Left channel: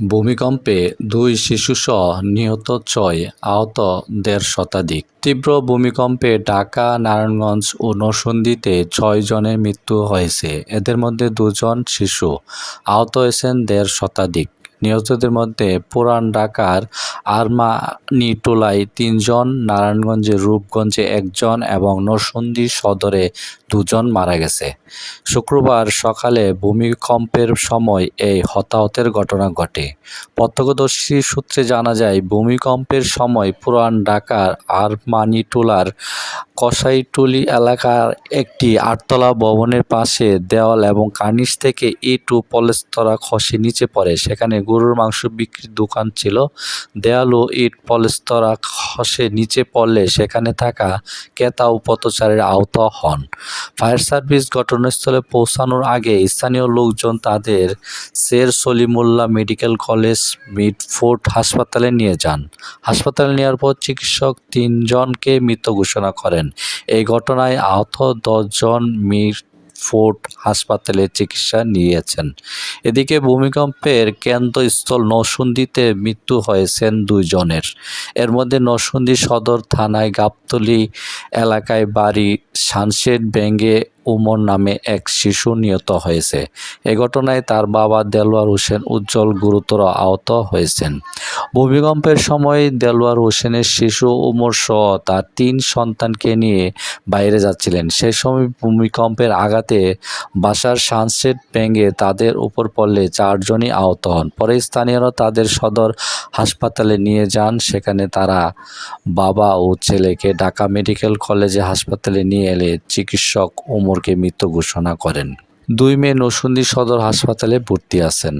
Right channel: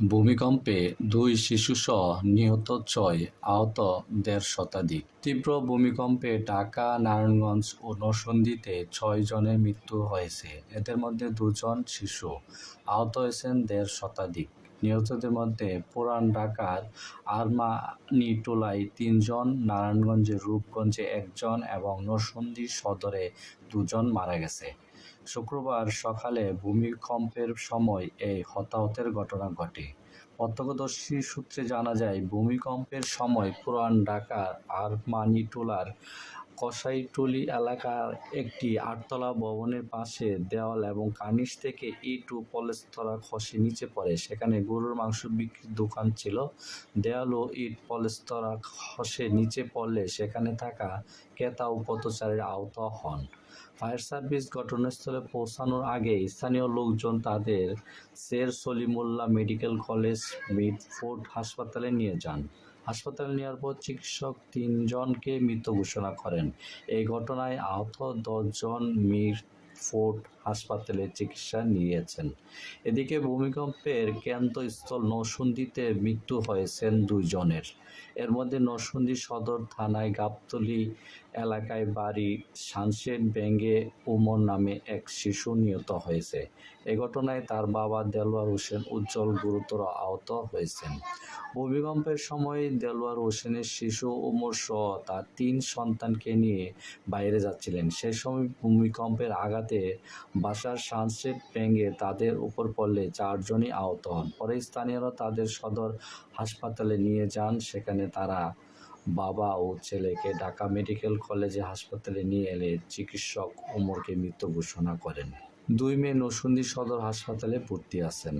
ভূমিকম্পে দুই শিশুসহ নিহত ছয় আহত দেড় শতাধিক। তীব্র ভূমিকম্পে ঢাকা, নারায়ণগঞ্জ ও নরসিংদীতে ছয় জনের মৃত্যু হয়েছে। এদের মধ্যে দুজন শিশু, আহত হয়েছেন দেড় শতাধিক। নিহতদের মধ্যে পুরান ঢাকার আরমানিটোলায় তিনজন, নারায়ণগঞ্জের রূপগঞ্জে একজন এবং নরসিংদী সদরে দুজন মারা গেছে। শুক্রবার সকালে ভূমিকম্পের সময় এই হতাহতের ঘটনা ঘটে। প্রত্যক্ষদর্শী সূত্রে জানা যায়, ভূমিকম্পের সময় পুরান ঢাকার আরমানিটোলার কসাইটুলি এলাকার একটি আটতলা ভবনের পাশে দেওয়াল এবং কার্নিশ থেকে ইট ও পলেস্তরা খসে নিচে পড়ে। সেখানে গরুর মাংস বিক্রির দোকান ছিল। দেয়াল ও ইট, পলেস্তরা, খসে নিচে পড়লে সেখানে থাকা ক্রেতা ও পথচারীরা আহত হন। ফায়ার সার্ভিস ঘটনাস্থলে পৌঁছানোর আগে স্থানীয় লোকজন তাদের Sher Salimullah medical college Mitford হাসপাতালে নিয়ে যান। হাসপাতালে নেওয়ার পর চিকিৎসক তিনজনকে মৃত ঘোষণা করেন। এই ঘটনায় আহত দশজন মিডফোর্ড হাসপাতালে চিকিৎসা নিয়েছেন। এদিকে ভূমিকম্পের কেন্দ্রস্থল নরসিংদীতে মৃত্যু হয়েছেন দুইজনের এর মধ্যে নরসিংদী সদর থানায় গাবতলী এলাকায় বাড়ি সানশেড ব্যাঙ্গে উমর নামে এক শিশু নিহত হয়েছে। এ ঘটনায় তার বাবা দেলোয়ার হোসেন উজ্জ্বল গুরুতর আহত হয়েছেন। ভূমিকম্পের সময় দেলোয়ার হোসেনের শিশু উমর সহ তার তিন সন্তানকে নিয়ে বাইরে যাচ্ছিলেন। সেই সময় ভূমিকম্পের আঘাতে বাসার সানসেট ভেঙে তাদের উপর পড়লে চারজনই আহত হন। পরে স্থানীয়রা তাদের সদর হাসপাতালে নিয়ে যান। সেখানে তারা বাবা ও ছেলেকে ঢাকা মেডিকেল কলেজে হাসপাতালে নিয়ে এলে চিকিৎসক ওমরকে মৃত্যু ঘোষণা করেন। দুই মেয়ে নসুন্দি সদর হাসপাতালে ভর্তি আছেন।